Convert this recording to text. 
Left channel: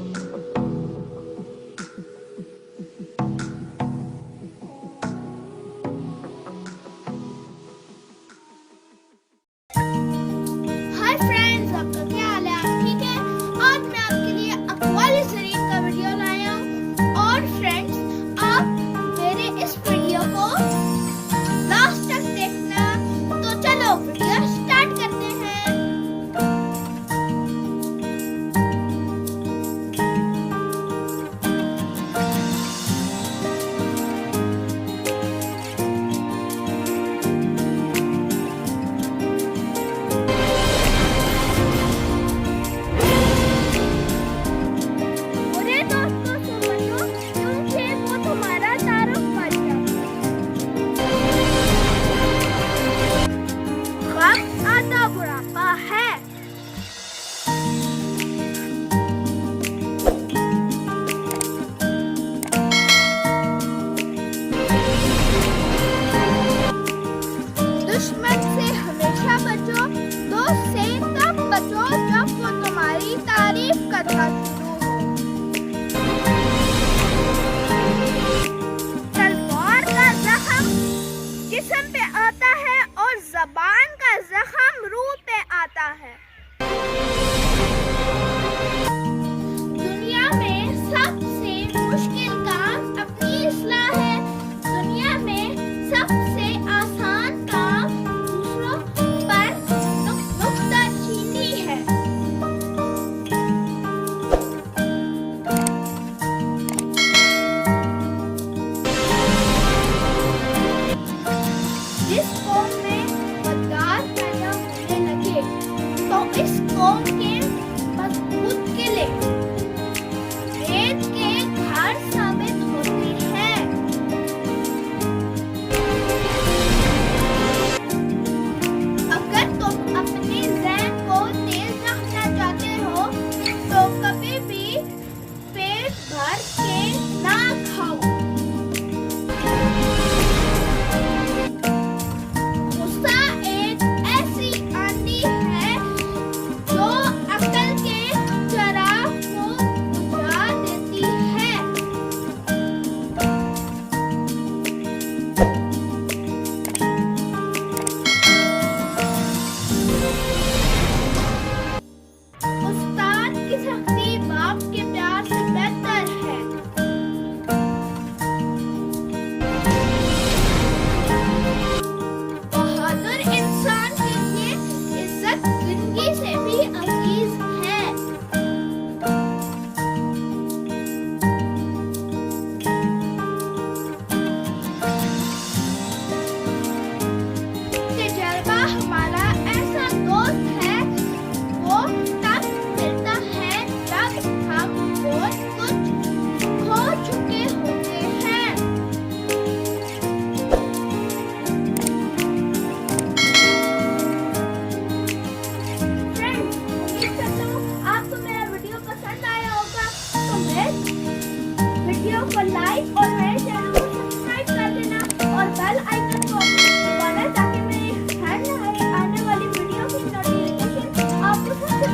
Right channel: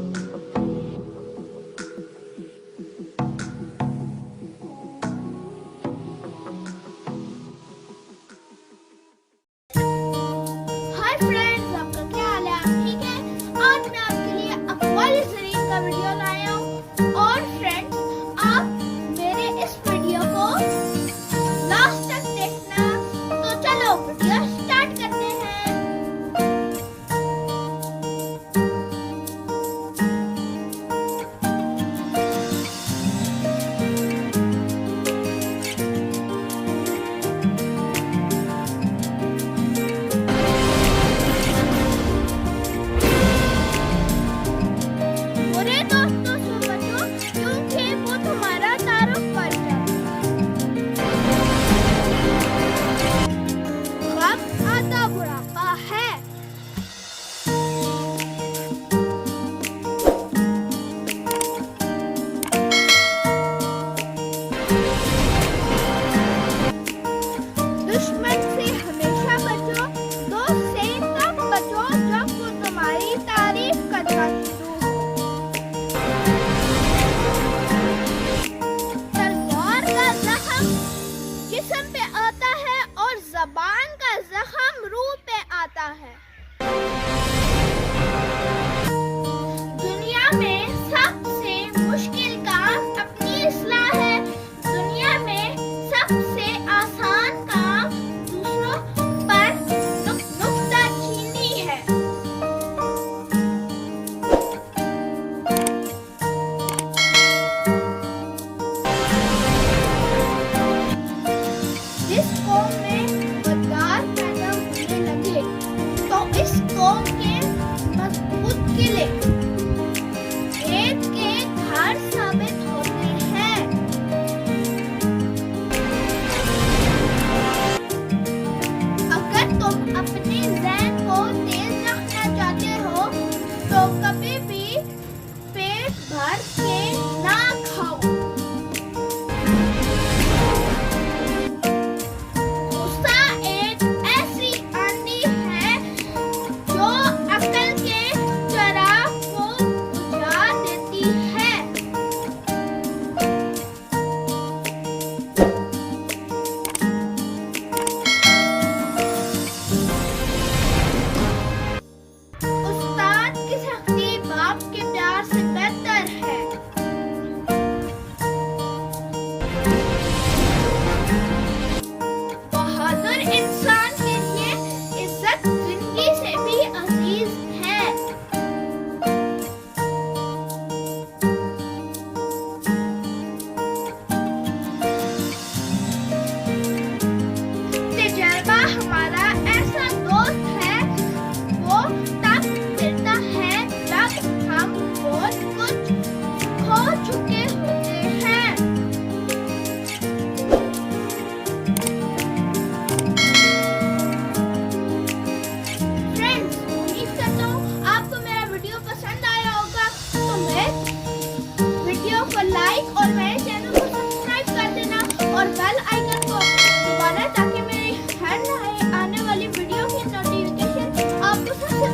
Hi friends, आपका क्या हाल है? आप ठीक है? आज मैं आपके लिए अक़वाल-ए-ज़रीन का वीडियो लाया हूँ और फ्रेंड्स, आप मेरे इस वीडियो को लास्ट तक देखना। तो चलो वीडियो स्टार्ट करते हैं। बुरे दोस्तों से बचो, क्योंकि वो तुम्हारा तारुफ कर जाते हैं। वक्त आता बुढ़ापा है। दुश्मन से हमेशा बचो, दोस्त से तब बचो जब वो तुम्हारी तारीफ करना शुरू हो। तलवार का जख्म जिस्म पे आता है और ज़बान का जख्म रूह पे आता है। दुनिया में सबसे मुश्किल काम अपनी इस्लाह है। दुनिया में सबसे आसान काम दूसरों पर नुक्ताचीनी है। जिस कौम में गद्दार पैदा होने लगे तो इस कौम के मजबूत किले रेत के घर साबित होते हैं। अगर तुम अपने ज़हन को तेज रखना चाहते हो तो कभी भी पेट भर के ना खाओ। गुस्सा एक ऐसी आंधी है जो अक्ल के चिराग को बुझा देती है। उस्ताद की सख्ती बाप के प्यार से बेहतर है। बहादुर इंसान के लिए इज्जत जिंदगी से भी अजीज है। तजुर्बा हमारा ऐसा दोस्त है, वो तब मिलता है जब हम बहुत कुछ खो चुके होते हैं। फ्रेंड्स, उम्मीद करता हूँ आपको मेरा वीडियो पसंद आया होगा। तो मेरे वीडियो को लाइक और मेरे चैनल को सब्सक्राइब कर देना और बेल आइकन को दबाना ताकि मेरी हर नई आने वाली वीडियो की नोटिफिकेशन आपको सबसे